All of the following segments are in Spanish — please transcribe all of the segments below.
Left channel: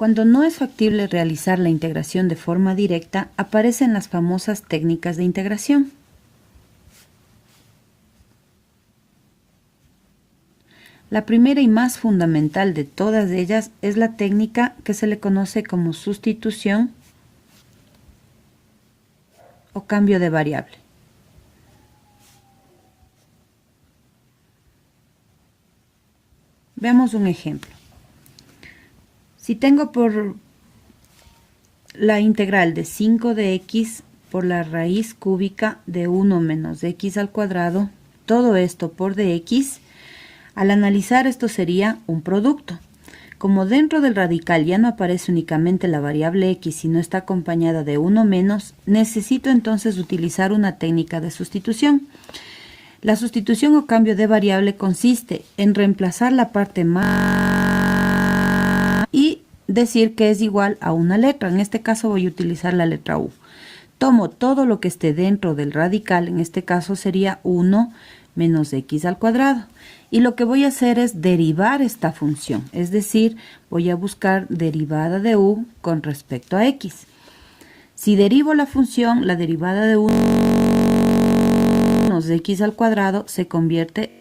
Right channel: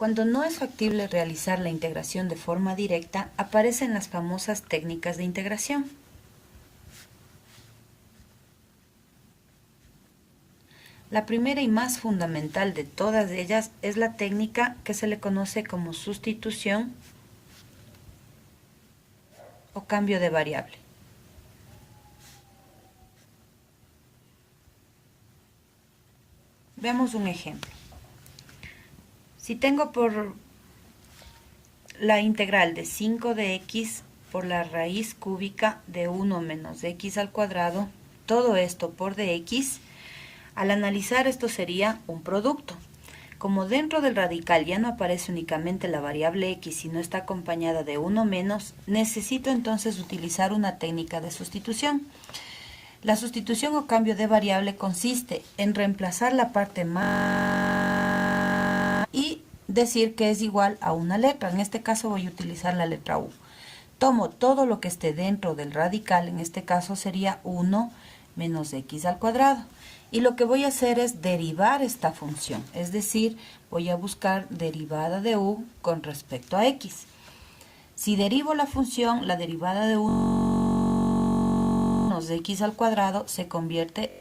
Cuando no es factible realizar la integración de forma directa, aparecen las famosas técnicas de integración. La primera y más fundamental de todas ellas es la técnica que se le conoce como sustitución o cambio de variable. Veamos un ejemplo. Si tengo por la integral de 5 de x por la raíz cúbica de 1 menos x al cuadrado, todo esto por dx, al analizar esto sería un producto. Como dentro del radical ya no aparece únicamente la variable x, sino está acompañada de 1 menos, necesito entonces utilizar una técnica de sustitución. La sustitución o cambio de variable consiste en reemplazar la parte más y decir que es igual a una letra. En este caso voy a utilizar la letra u. Tomo todo lo que esté dentro del radical, en este caso sería 1 menos x al cuadrado. Y lo que voy a hacer es derivar esta función, es decir, voy a buscar derivada de u con respecto a x. Si derivo la función, la derivada de 1 menos x al cuadrado se convierte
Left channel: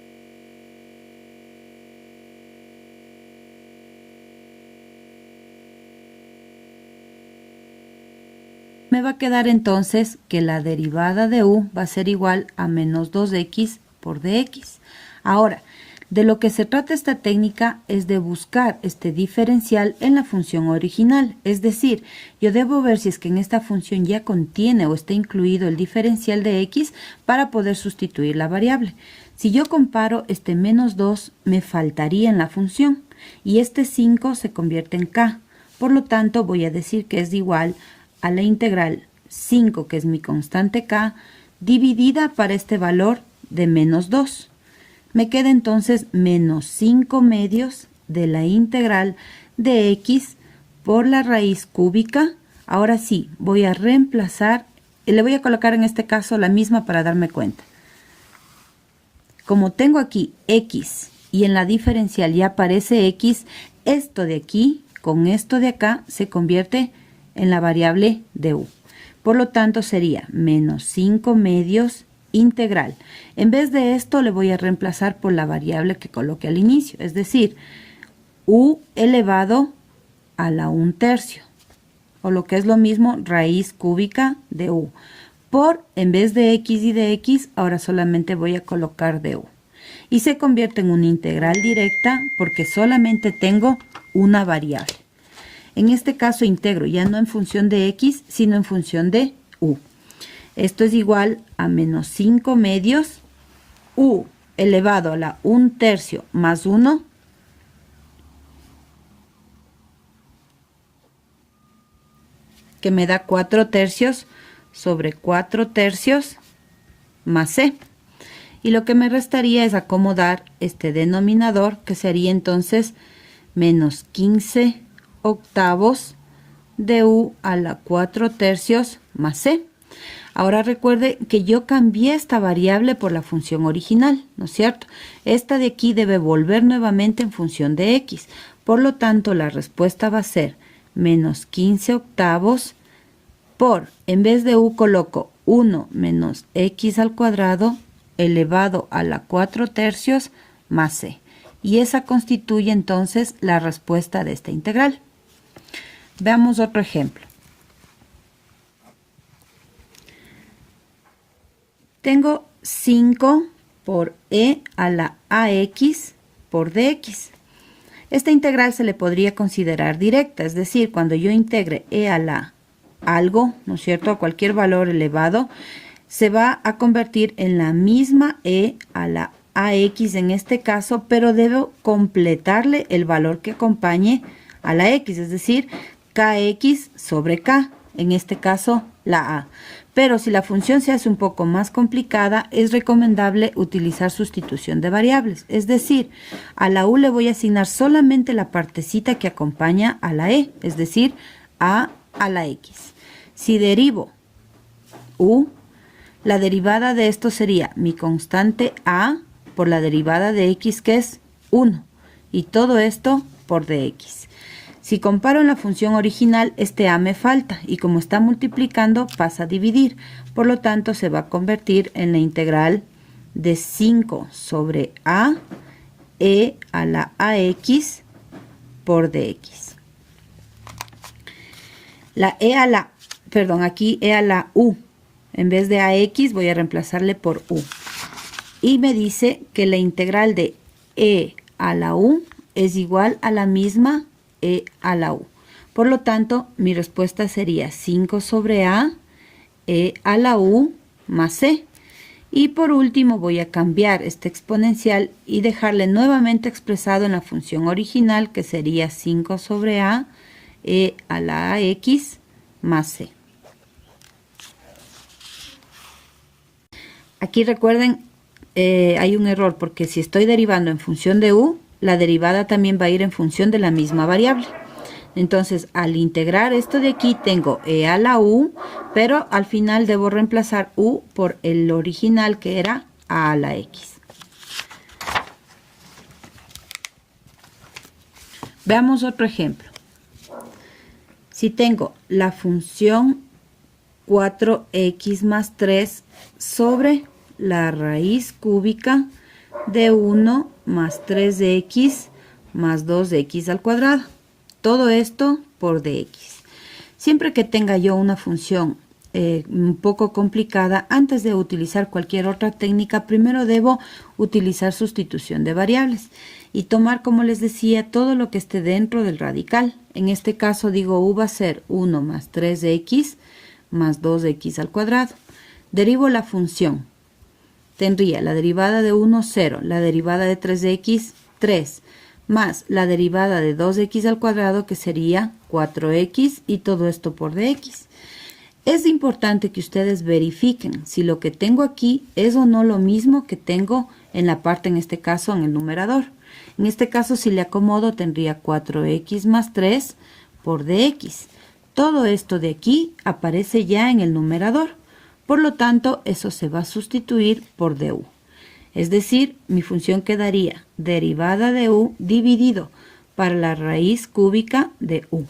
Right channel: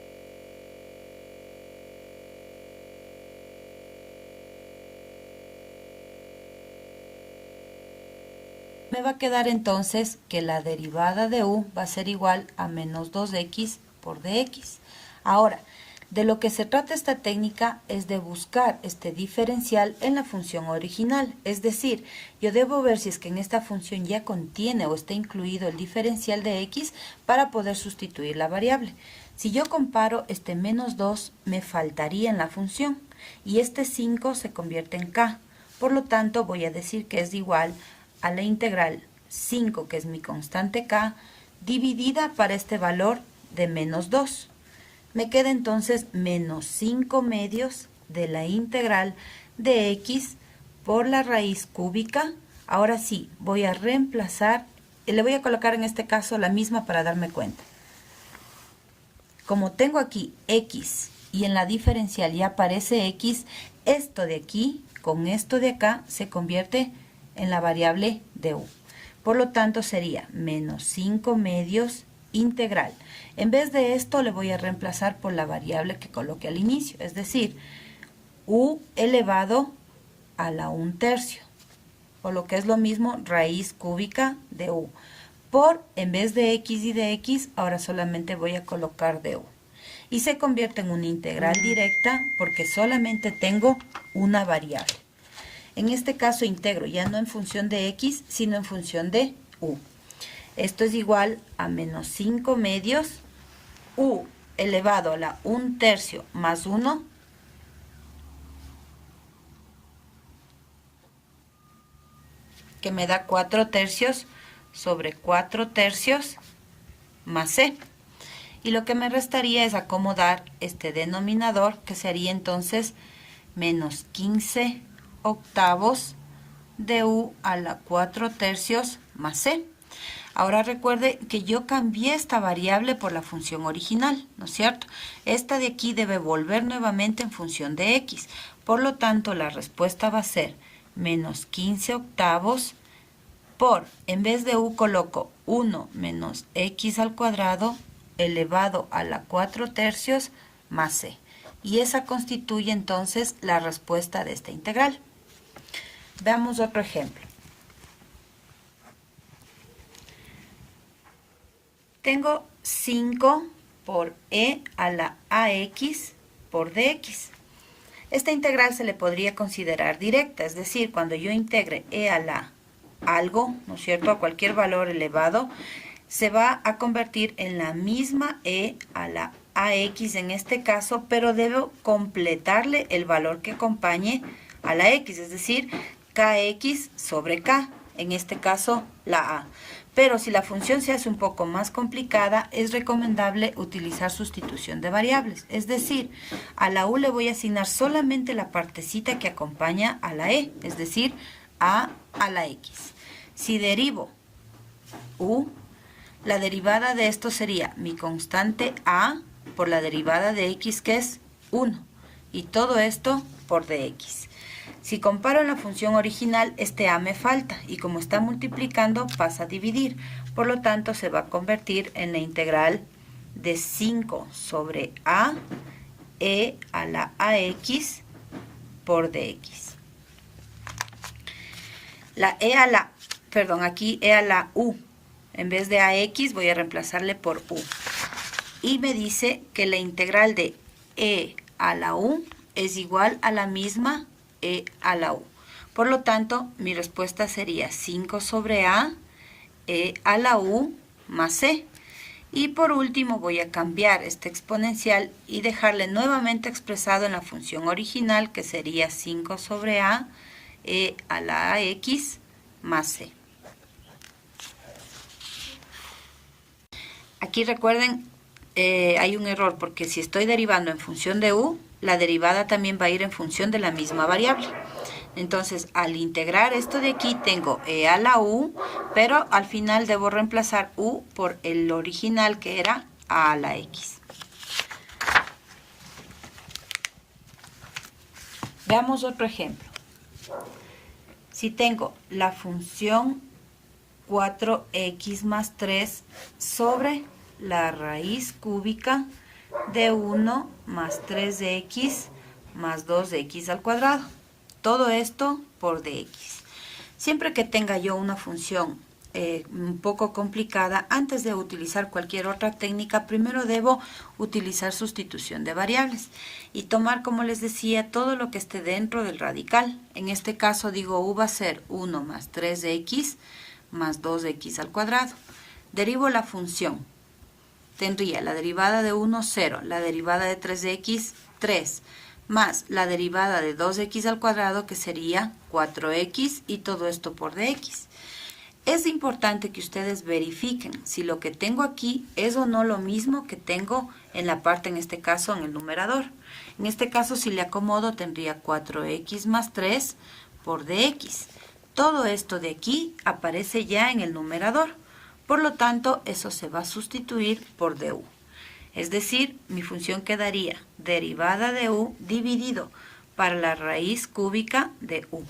me va a quedar entonces que la derivada de u va a ser igual a menos 2x por dx. Ahora, de lo que se trata esta técnica es de buscar este diferencial en la función original, es decir, yo debo ver si es que en esta función ya contiene o está incluido el diferencial de x para poder sustituir la variable. Si yo comparo este menos 2, me faltaría en la función y este 5 se convierte en k. Por lo tanto, voy a decir que es igual a la integral 5, que es mi constante k, dividida para este valor de menos 2. Me queda entonces menos 5 medios de la integral de x por la raíz cúbica. Ahora sí, voy a reemplazar, y le voy a colocar en este caso la misma para darme cuenta. Como tengo aquí x y en la diferencial ya aparece x, esto de aquí con esto de acá se convierte en la variable de u. Por lo tanto sería menos 5 medios integral. En vez de esto le voy a reemplazar por la variable que coloqué al inicio, es decir, u elevado a la 1/3, o lo que es lo mismo, raíz cúbica de u. Por, en vez de x y de x, ahora solamente voy a colocar de u. Y se convierte en una integral directa porque solamente tengo una variable. En este caso integro ya no en función de x, sino en función de u. Esto es igual a menos 5 medios u elevado a la 1/3 más 1 que me da 4/3 sobre 4/3 más c. Y lo que me restaría es acomodar este denominador, que sería entonces menos 15 octavos de u a la 4/3 más c. Ahora recuerde que yo cambié esta variable por la función original, ¿no es cierto? Esta de aquí debe volver nuevamente en función de x. Por lo tanto, la respuesta va a ser menos 15 octavos por, en vez de u coloco 1 menos x al cuadrado elevado a la 4/3 más c. Y esa constituye entonces la respuesta de esta integral. Veamos otro ejemplo. Tengo 5 por e a la ax por dx. Esta integral se le podría considerar directa, es decir, cuando yo integre e a la algo, ¿no es cierto?, a cualquier valor elevado, se va a convertir en la misma e a la ax en este caso, pero debo completarle el valor que acompañe a la x, es decir, kx sobre k, en este caso la a. Pero si la función se hace un poco más complicada, es recomendable utilizar sustitución de variables. Es decir, a la u le voy a asignar solamente la partecita que acompaña a la e, es decir, a la x. Si derivo u, la derivada de esto sería mi constante a por la derivada de x, que es 1. Y todo esto por dx. Si comparo en la función original, este a me falta y como está multiplicando pasa a dividir. Por lo tanto, se va a convertir en la integral de 5 sobre a e a la ax por dx. Aquí e a la u. En vez de ax voy a reemplazarle por u. Y me dice que la integral de e a la u es igual a la misma e a la u. Por lo tanto, mi respuesta sería 5 sobre a e a la u más c. Y por último voy a cambiar este exponencial y dejarle nuevamente expresado en la función original, que sería 5 sobre a e a la ax más c. Aquí recuerden, hay un error porque si estoy derivando en función de u, la derivada también va a ir en función de la misma variable. Entonces, al integrar esto de aquí, tengo e a la u, pero al final debo reemplazar u por el original, que era a la x. Veamos otro ejemplo. Si tengo la función 4x más 3 sobre la raíz cúbica de 1 más 3x más 2x al cuadrado. Todo esto por dx. Siempre que tenga yo una función un poco complicada, antes de utilizar cualquier otra técnica, primero debo utilizar sustitución de variables y tomar, como les decía, todo lo que esté dentro del radical. En este caso digo u va a ser 1 más 3x más 2x al cuadrado. Derivo la función. Tendría la derivada de 1, 0, la derivada de 3x, 3, más la derivada de 2x al cuadrado, que sería 4x, y todo esto por dx. Es importante que ustedes verifiquen si lo que tengo aquí es o no lo mismo que tengo en la parte, en este caso, en el numerador. En este caso, si le acomodo, tendría 4x más 3 por dx. Todo esto de aquí aparece ya en el numerador. Por lo tanto, eso se va a sustituir por du. Es decir, mi función quedaría derivada de u dividido para la raíz cúbica de u.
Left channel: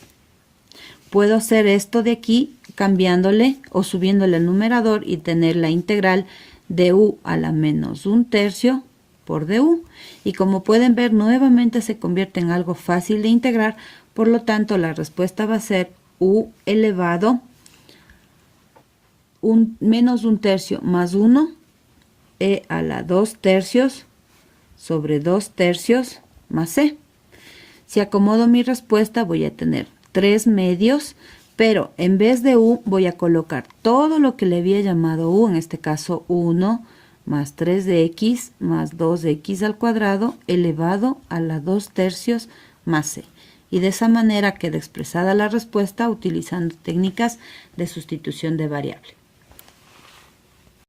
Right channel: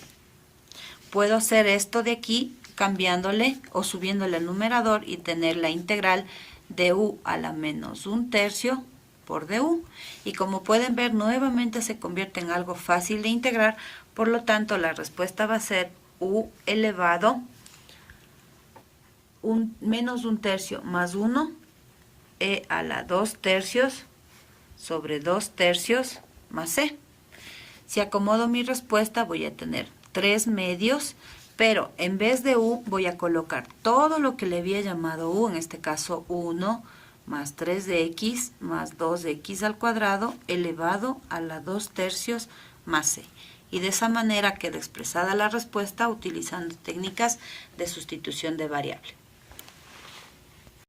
Puedo hacer esto de aquí cambiándole o subiéndole el numerador y tener la integral de u a la menos 1/3 por du. Y como pueden ver, nuevamente se convierte en algo fácil de integrar. Por lo tanto, la respuesta va a ser u elevado menos 1/3 más 1 e a la 2/3 sobre 2/3 más c. Si acomodo mi respuesta, voy a tener 3 medios, pero en vez de u voy a colocar todo lo que le había llamado u, en este caso 1 más 3x más 2x al cuadrado elevado a la 2/3 más c. Y de esa manera queda expresada la respuesta utilizando técnicas de sustitución de variable.